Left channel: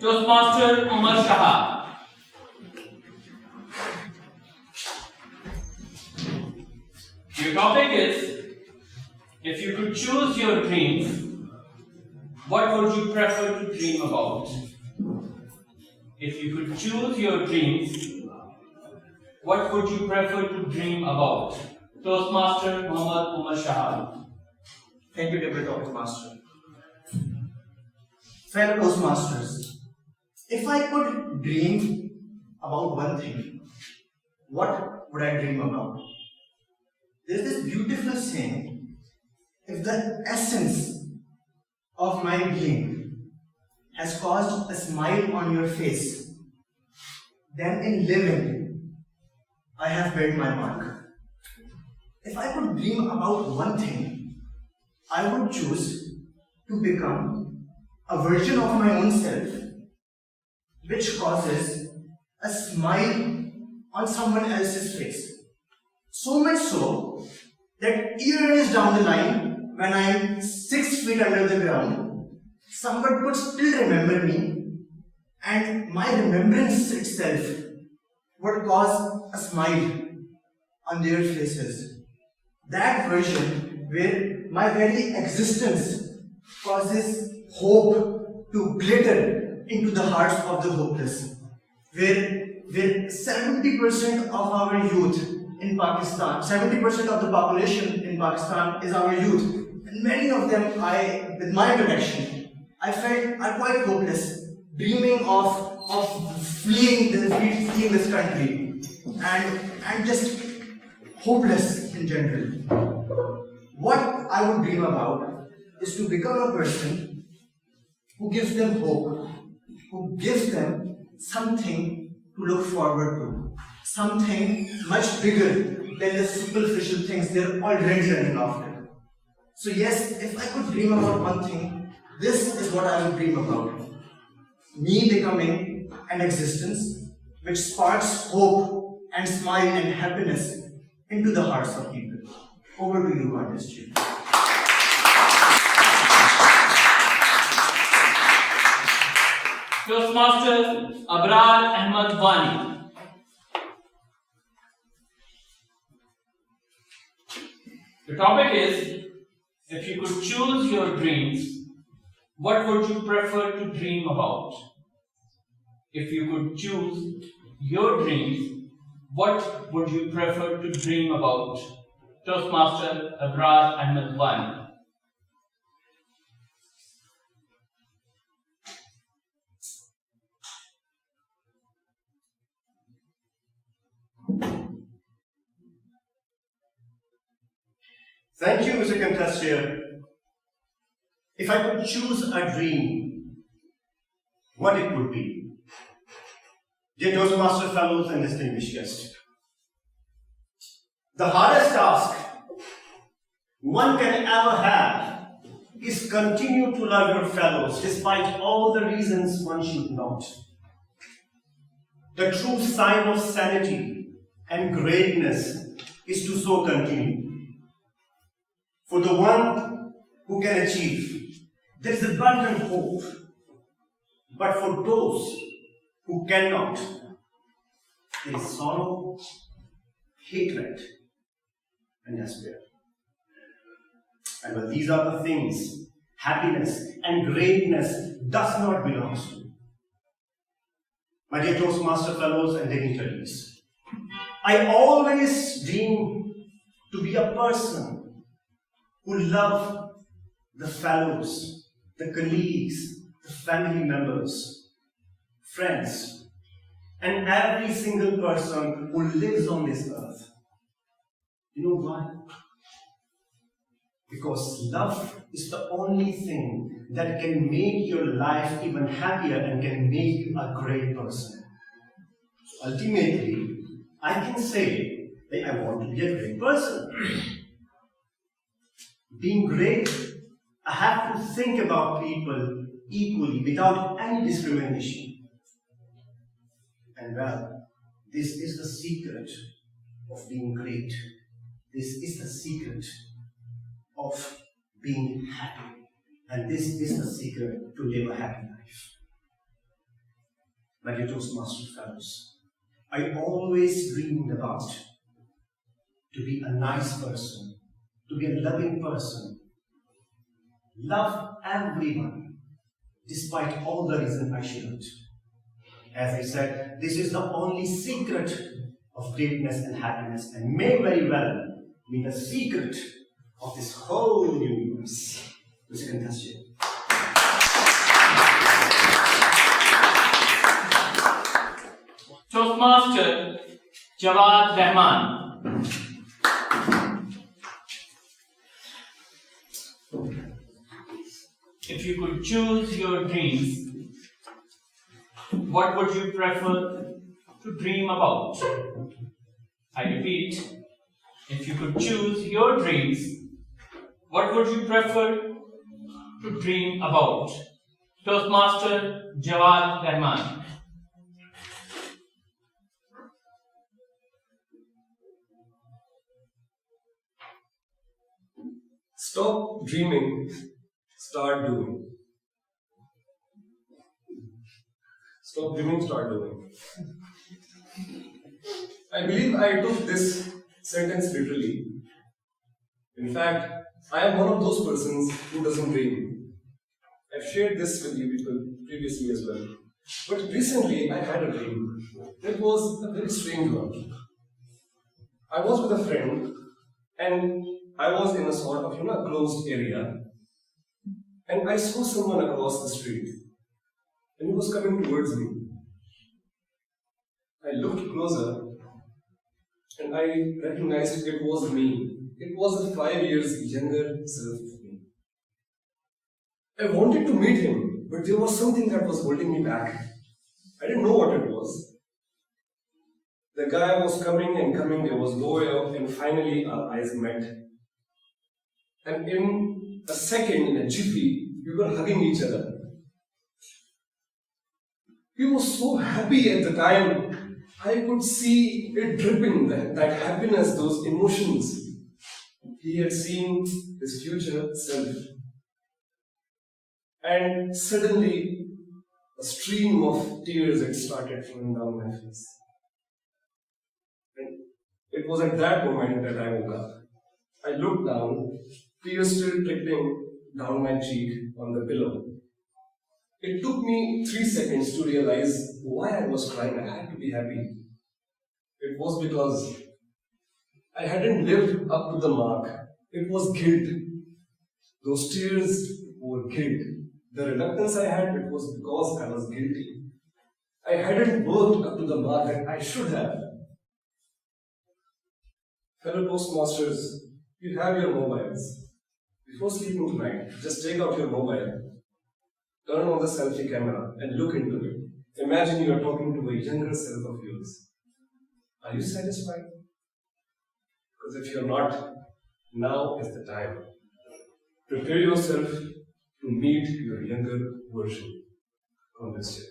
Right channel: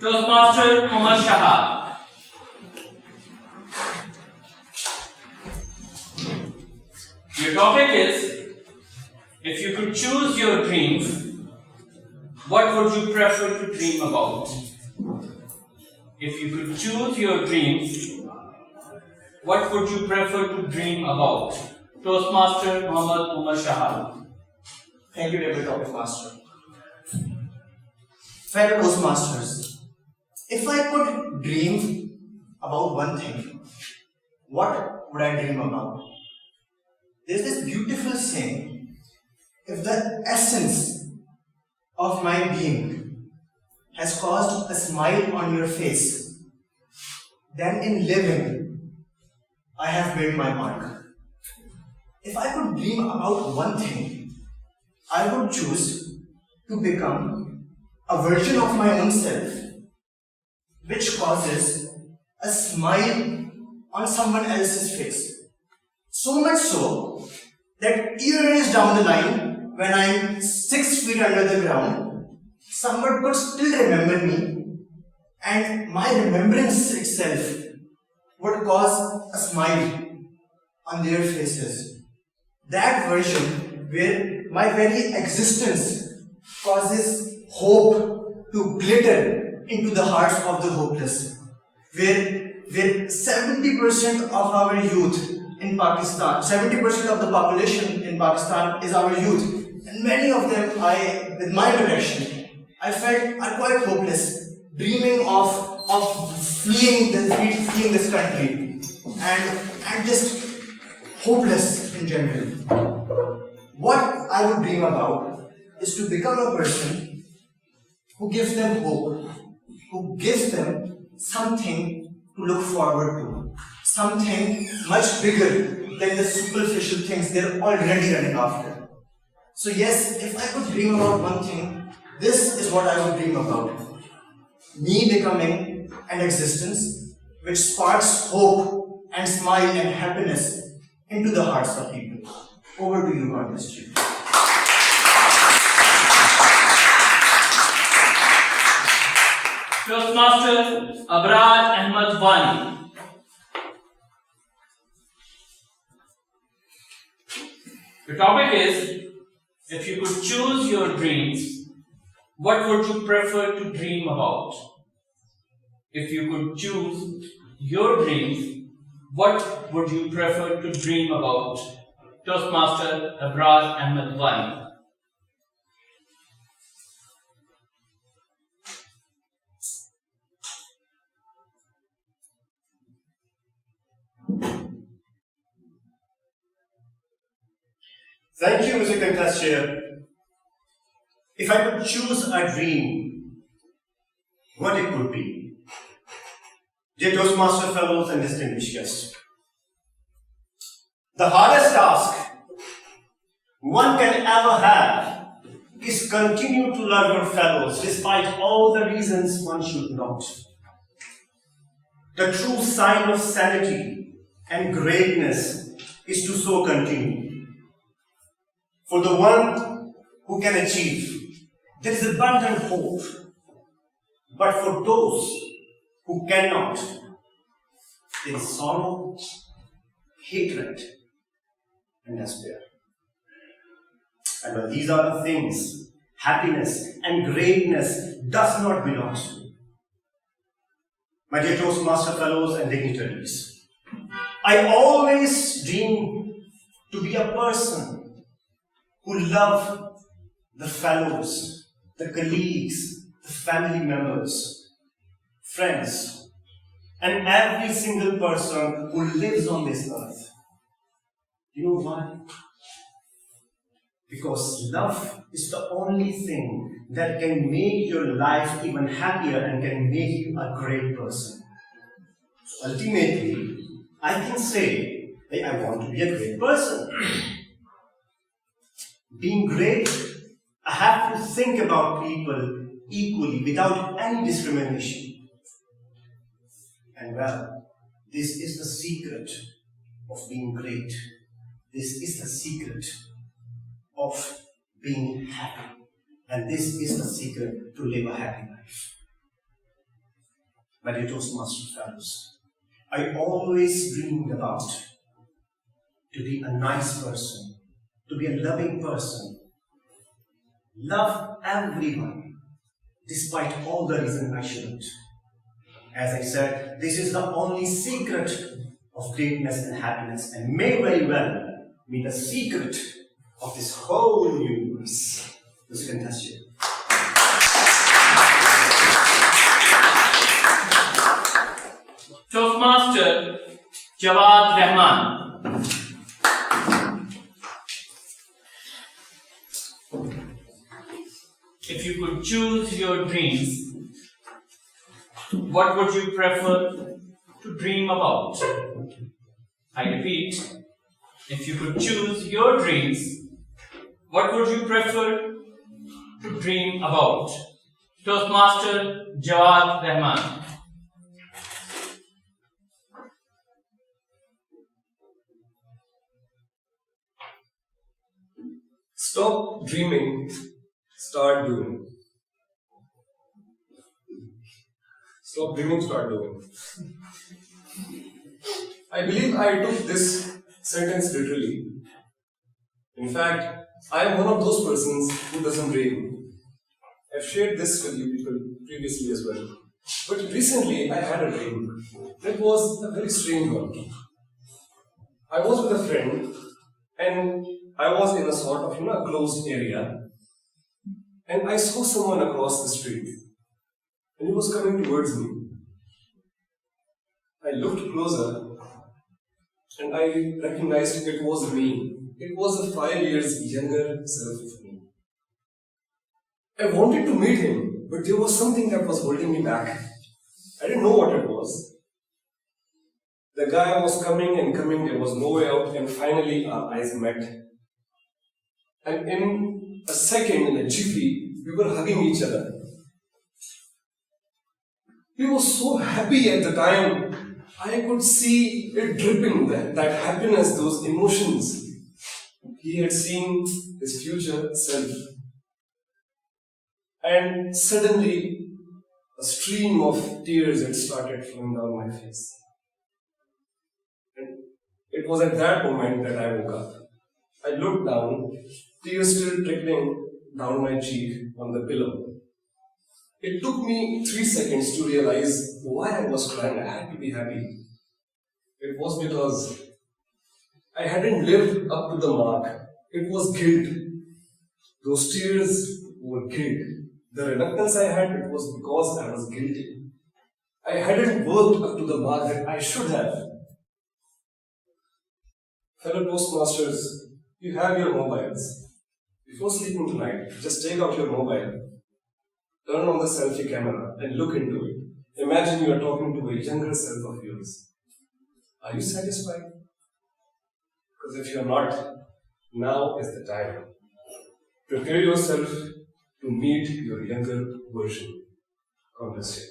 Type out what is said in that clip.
Toastmaster Shahab. Your topic is, if you could choose your dreams, what would you prefer to dream about? If you could choose your dreams, what would you prefer to dream about? Toastmaster Omer Shahab. Thank you, Deputy Toastmaster. Fellow Toastmasters, if I could dream about one thing, what would I dream about? There's this beautiful saying, if the essence of my being has caused a smile on your face, then in living, I have made my mark. If I could dream about one thing, I would choose to become a version of my own self which causes a smile on someone else's face. So much so that years down the line, when I'm 6 feet under the ground, someone could still remember me, and my remembrance itself would cause a smile on their faces. That version where my very existence causes hope to glitter into the hearts of the hopeless, where 70% of our youth in Pakistan, 70% of the population in Pakistan is our youth, and many of them, with my direction, I felt are quite hopeless, dreaming of fleeing this country, and just hopeless in general. What I would dream about is to become a person who gives them hope, who gives them something to look forward to, something much bigger than the superficial things they're already running after. So yes, if I could dream about one thing, this is what I would dream about. Me becoming an existence which sparks hope and smile and happiness into the hearts of people. Over to you, artistry. Toastmaster Abrar Ahmad Wani. The topic is, if you could choose your dreams, what would you prefer to dream about? If you could choose your dreams, what would you prefer to dream about? Toastmaster Abrar Ahmad Wani. Thank you, Mr. Contestant. If I could choose a dream, what it could be? Dear Toastmaster fellows and distinguished guests, the hardest task one can ever have is continue to love your fellows despite all the reasons one should not. The true sign of sanity and greatness is to so continue. For the one who can achieve, there is abundant hope. But for those who cannot, there is sorrow, hatred, and despair. And when these are the things, happiness and greatness does not belong to. My dear Toastmaster fellows and dignitaries, I always dream to be a person who love the fellows, the colleagues, the family members, friends, and every single person who lives on this earth. You know why? Because love is the only thing that can make your life even happier and can make you a great person. So ultimately, I can say that I want to be a great person. Being great, I have to think about people equally without any discrimination. And well, this is the secret of being great. This is the secret of being happy. And this is the secret to live a happy life. my dear Toastmaster fellows, I always dreamed about to be a nice person, to be a loving person, love everyone, despite all the reasons I shouldn't. As I said, this is the only secret of greatness and happiness, and may very well be the secret of this whole universe. Music and test you. Toastmaster Jawwad Rehman. If you could choose your dreams, what would you prefer to dream about? I repeat, if you could choose your dreams, what would you prefer to dream about? Toastmaster Jawwad Rehman. Stop dreaming, start doing. Stop dreaming, start doing. I believe I took this sentence literally. In fact, I am one of those persons who doesn't dream. I've shared this with you people previously as well. But recently I had a dream. It was a very strange one. I was with a friend and I was in a sort of, closed area. And I saw someone across the street. And he was coming towards me. I looked closer and I recognized it was me. It was a 5 years younger self of me. I wanted to meet him, but there was something that was holding me back. I didn't know what it was. The guy was coming and coming, there was no way out, and finally our eyes met. And in a second, in a jiffy, we were hugging each other. He was so happy at the time. I could see it dripping, that happiness, those emotions. He had seen his future self. And suddenly, a stream of tears had started flowing down my face. And it was at that moment that I woke up. I looked down, tears still trickling down my cheek on the pillow. It took me 3 seconds to realize why I was crying. I had to be happy. It was because I hadn't lived up to the mark. It was guilt. Those tears were guilt. The reluctance I had, it was because I was guilty. I hadn't worked up to the mark that I should have. Fellow Toastmasters, you have your mobiles. Before sleeping tonight, just take out your mobile, turn on the selfie camera and look into it. Imagine you are talking to a younger self of yours. Are you satisfied? Because if you're not, now is the time. Prepare yourself to meet your younger version. God bless you.